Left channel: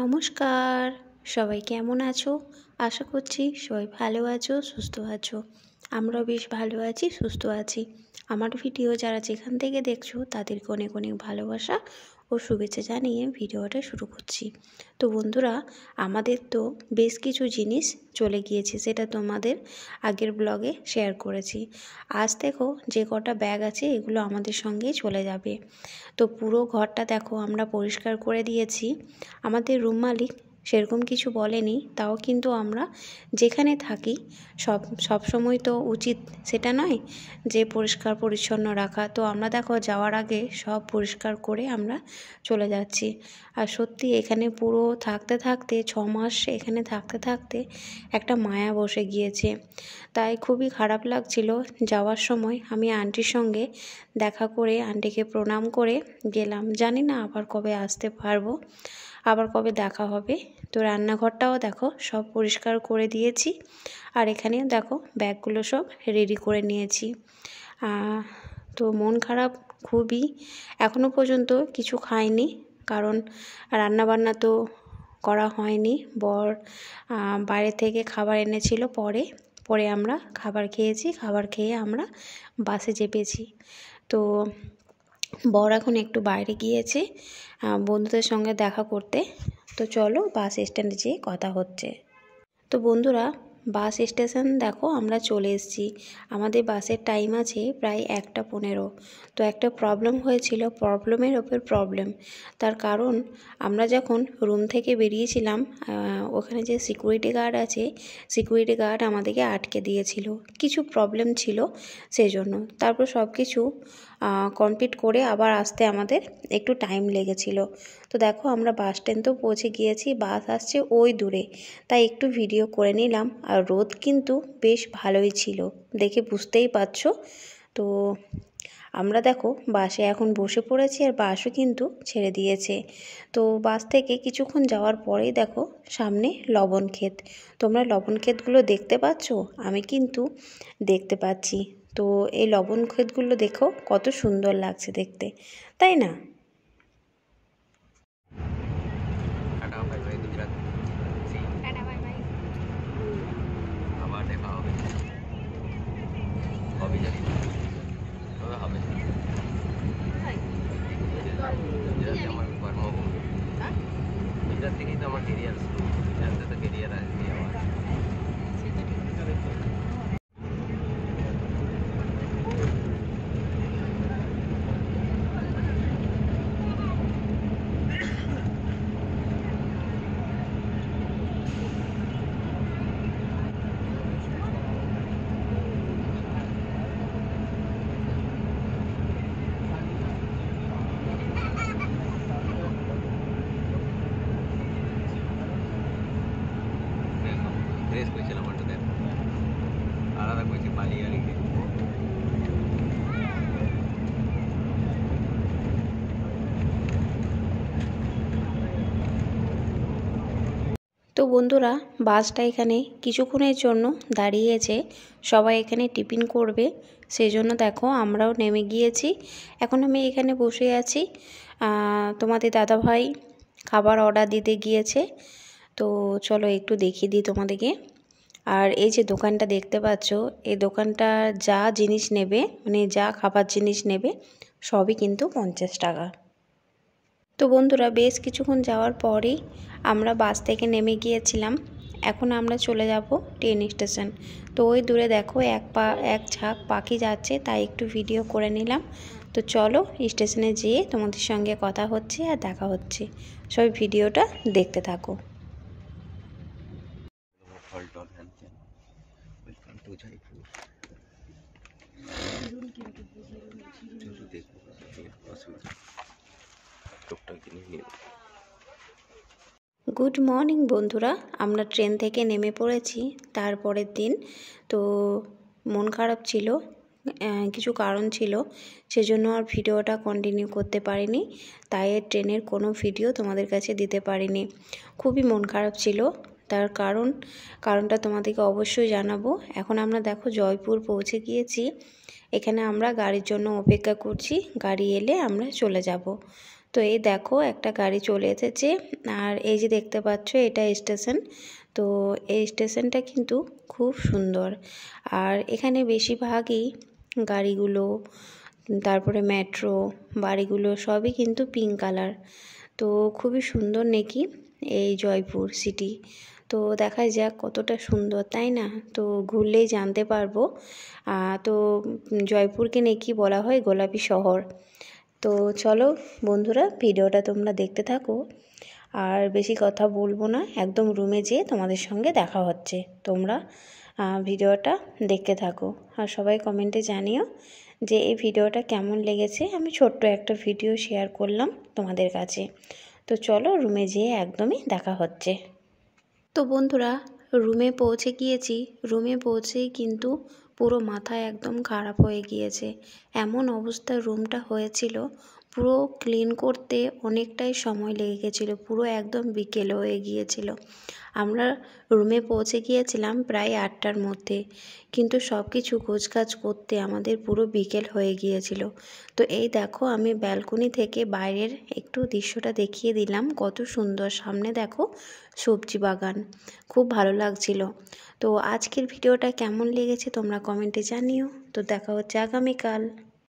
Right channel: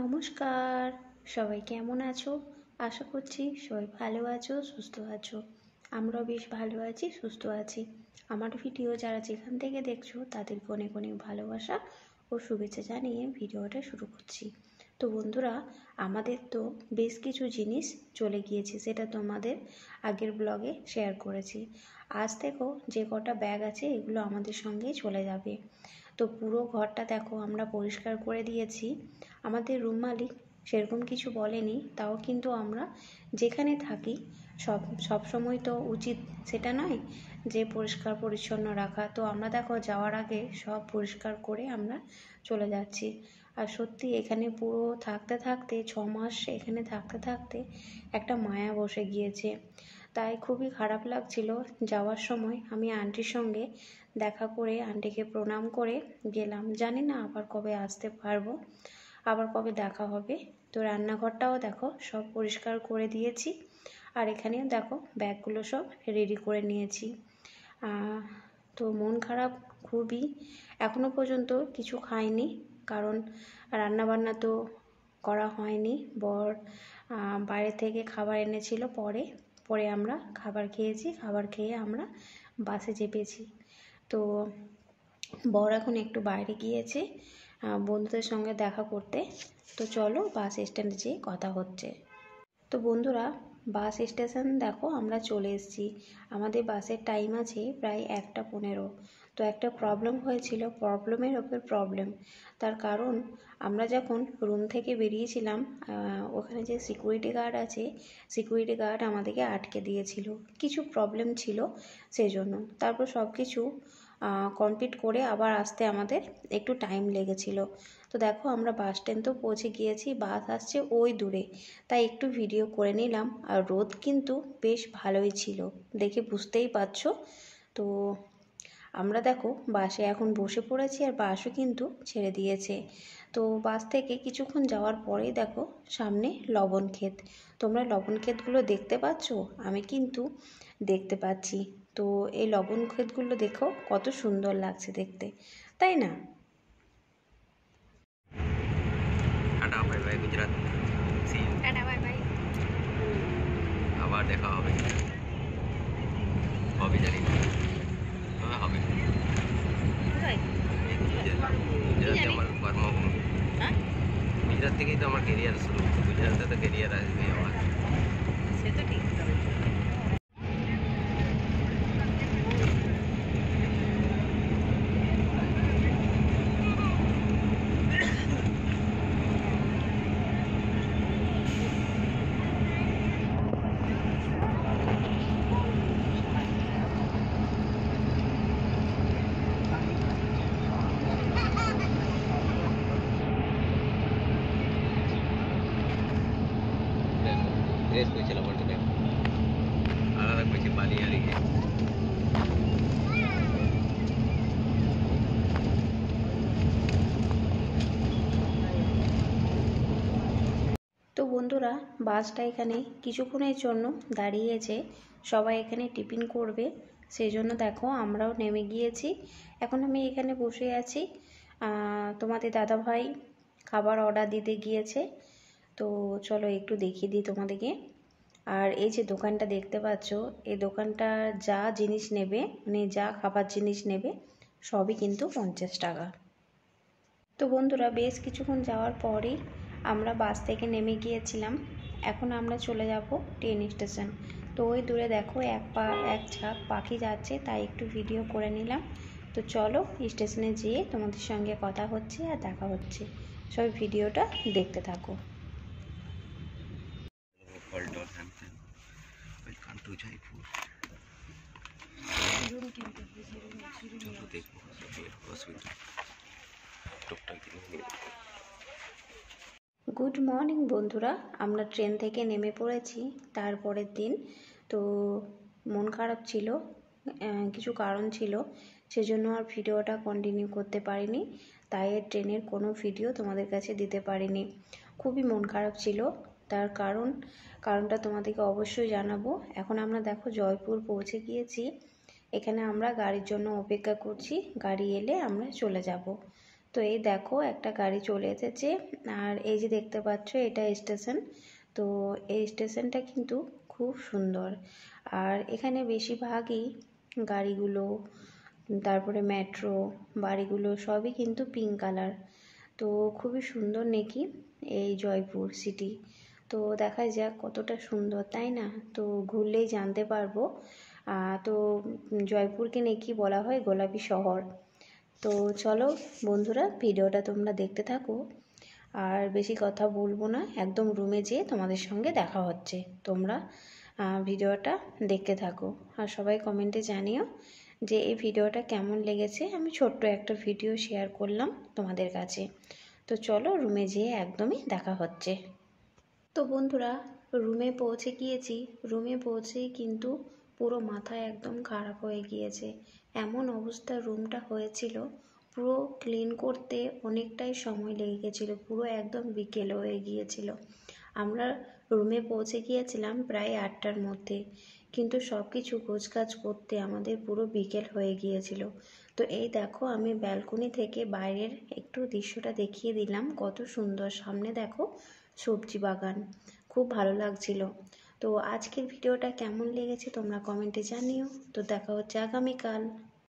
নমস্কার, সবাই কেমন আছো? আশা করছি সবাই ভালো আছো, সুস্থ আছো। আমরাও বেশ ভালো আছি, সুস্থ আছি। আমার ভিডিও যারা যেখান থেকে দেখছো তাদেরকে অনেক অনেক ভালোবাসা ও শুভেচ্ছা জানিয়ে ভিডিওটা শুরু করছি। তো বন্ধুরা, আমাদের তো বেশ কিছু জিনিস চলে গিয়েছে, সেটা তোমাদের আগের ব্লগে শেয়ার করেছি। আজ দেখো যে কটা ব্যাগ আছে এগুলো আমাদের সঙ্গেই চলে যাবে। তো পুরো ঘরটা দেখো আমরা পরিষ্কার করে দিয়েছি। আমাদের রুম মালিক সেরকম কিছু বলেনি, তাও কিন্তু আমরা যেখানে থাকি সব সময় তো উচিত সেটা নয় যে পরিষ্কার পরিচ্ছন্ন রাখা। তো আমরা দেখো যাওয়ার আগে সব পরিষ্কার করে আমরা চলে যাচ্ছি। আর সত্যি এখানে পুরো থাকতে থাকতে 6 মাস এখানে থাকতে থাকতে একটা মায়া বসে গিয়েছে। তাই খুবই খারাপ লাগছিল যাওয়ার সময়। আমি আন্টির সঙ্গে দেখা করে আন্টিকে প্রণাম করে গেলাম। জানি না আবার কবে আসতে পারবো, আবার কবে দেখা হবে। তো রান্নাঘরটাও দেখো সব পরিষ্কার করে দিয়েছি, আর এখানেও দেখো ব্যাগগুলো সব রেডি করে নিয়েছি। তো মন খারাপ খুবই, এখনও পর্যন্ত কিছু খাইনি, কারণ রান্নাবান্না তো করা হয়নি। বর বাইরে থেকে খাবার এনেছিল, পরে আমরা খাবার খেয়েছি। খাবার খেয়ে আমরা বাসে চেপেছি। তো বর এখন একটু বাইরে গিয়েছে বন্ধুদের সঙ্গে দেখা করতে। তো চলো বাস স্ট্যান্ডে যেয়ে কথা হচ্ছে। তো বন্ধুরা, বাস স্টেশন দেখো আমরা চলে এসেছি। আমাদের বাসের টাইম আছে প্রায় 1:15। তো একটা প্রবলেম হয়েছিল, প্রবলেমের ওপর প্রবলেম। তার কারণ আমরা যখন রুম থেকে বেরিয়েছিলাম, ওখানে যে সিকিউরিটি গার্ড আছে, সিকিউরিটি গার্ড আমাদেরকে আটকে দিয়েছিল, কিছু প্রবলেম ছিল সেই জন্য। তারপর সব কিছু কমপ্লিট করে আবার আসতে আমাদের একটু টাইম লেগেছিল। তো দেখো আমরা বাস স্ট্যান্ডেও পৌঁছে গিয়েছি, বাস আসছে ওই দূরে, তাই একটু ভিডিও করে নিলাম। আর রোদ কিন্তু বেশ ভালোই ছিল, দেখে বুঝতেই পারছো। তো আমরা দেখো বাসে এখন বসে পড়েছি, আর বাসও কিন্তু ছেড়ে দিয়েছে। তো বাস থেকে কিছুক্ষণ যাওয়ার পরেই দেখো সামনে লবণ ক্ষেত। তোমরা লবণ ক্ষেতগুলো দেখতে পাচ্ছ? আমি কিন্তু দেখতে পাচ্ছি। তো এই লবণ ক্ষেতগুলো দেখো কত সুন্দর লাগছে দেখতে, তাই না? Tata bye bye Gujarat, see you, tata bye bye, আবার দেখা হবে, হবে জানি তবে হবে। গুজরাট আমার কর্মভূমি, গুজরাট থেকেই তো আমার কেরিয়ার শুরু, গুজরাটে তো কেরিয়ার আসবেই আমার। সেটা ঠিক। ड्रेस पे चला पड़ता है आला कुछ पानी आ रही है। তো বন্ধুরা, বাসটা এখানে কিছুক্ষণের জন্য দাঁড়িয়েছে, সবাই এখানে টিফিন করবে, সেই জন্য দেখো আমরাও নেমে গিয়েছি। এখন আমি এখানে বসে আছি। তোমাদের দাদাভাই খাবার অর্ডার দিতে গিয়েছে। তো চলো একটু দেখিয়ে দিই তোমাদেরকে। আর এই যে দোকানটা দেখতে পাচ্ছ, এই দোকানটা যা জিনিস নেবে, মানে যা খাবার জিনিস নেবে সবই কিন্তু 50 টাকা। তো বন্ধুরা, বেশ কিছুক্ষণ যাওয়ার পরেই আমরা বাস থেকে নেমে গিয়েছিলাম। এখন আমরা চলে যাব ট্রেন স্টেশন। তো ওই দূরে দেখো এক ঝাঁক পাখি যাচ্ছে, তাই একটু ভিডিও করে নিলাম। তো চলো স্টেশনে যেয়ে তোমাদের সঙ্গে কথা হচ্ছে আর দেখা হচ্ছে। সবাই ভিডিওটা দেখতে থাকো। গুড মর্নিং বন্ধুরা, আমরা ট্রেন থেকে নেমে পড়েছি তারপরের দিন। তো মন খারাপ ছিল, কিছু কারণ ছিল, সেজন্য আর ভিডিওটা কন্টিনিউ করতে পারিনি। তাই ট্রেনের কোনো ভিডিও তোমাদের কাছে দিতে পারিনি। খুবই মন খারাপ ছিল, তার কারণটা তোমাদেরকে অবশ্যই জানাবো। এখন আমরা দেখো জয়পুর পৌঁছে গিয়েছি। এখানে আমরা গাড়ির জন্য অপেক্ষা করছি, গাড়ি এলে আমরা চলে যাব। তো এই দেখো একটা গাড়ি চলে এসেছে, আর এই যে দেখতে পাচ্ছ এটা স্টেশন। তো এই স্টেশনটা কিন্তু খুব সুন্দর, আর এখানে বেশিরভাগই গাড়িগুলো, তারপরে মেট্রো, বাড়িগুলো সবই কিন্তু পিঙ্ক কালার। তো খুবই সুন্দর নাকি এই জয়পুর সিটি। তো দেখা যাক কতটা সুন্দর, তাই না? তো ঘুরলেই জানতে পারবো। তো জয়পুরকে নাকি বলা হয় গোলাপি শহর। তো চলো বন্ধুরা, ভিডিওটা তোমরা দেখতে থাকো, আর বেশি কথা বলবো না, একদম রুমে যেয়ে তোমাদের সঙ্গে দেখা হচ্ছে। তোমরা ভিডিওটা দেখতে থাকো, আর সবাই কমেন্টে জানিও যে এই ভিডিওটা কেমন লেগেছে। আমি ছোট্ট একটা ভিডিও শেয়ার করলাম তোমাদের কাছে। তো চলো রুমে যেয়ে একদমই দেখা হচ্ছে। তো বন্ধুরা, রুমে পৌঁছে গিয়েছি। রুমে পৌঁছেই কিন্তু পুরো মাথা একদম খারাপ হয়ে গিয়েছে। এমন অবস্থা রুমটা হয়েছিল, পুরো ক্লিন করতে অনেকটাই সময় লেগে গেছিলো, পুরো একদম বিকেল হয়ে গিয়েছিল। আমরা রুমে পৌঁছে গিয়েছিলাম প্রায় 8টার মধ্যে, কিন্তু সব কিছু গোছগাছ করতে আমাদের পুরো বিকেল হয়ে গিয়েছিল। তো এই দেখো, আমি ব্যালকনি থেকে বাইরের একটু দৃশ্যটা দেখিয়ে দিলাম, কত সুন্দর। সামনে দেখো সবজি বাগান, খুব ভালো লাগছিল। তো আজকের ভিডিওটা কেমন লেগেছে তোমরা কমেন্টে জানিও। তো দেখা হচ্ছে আগামীকাল।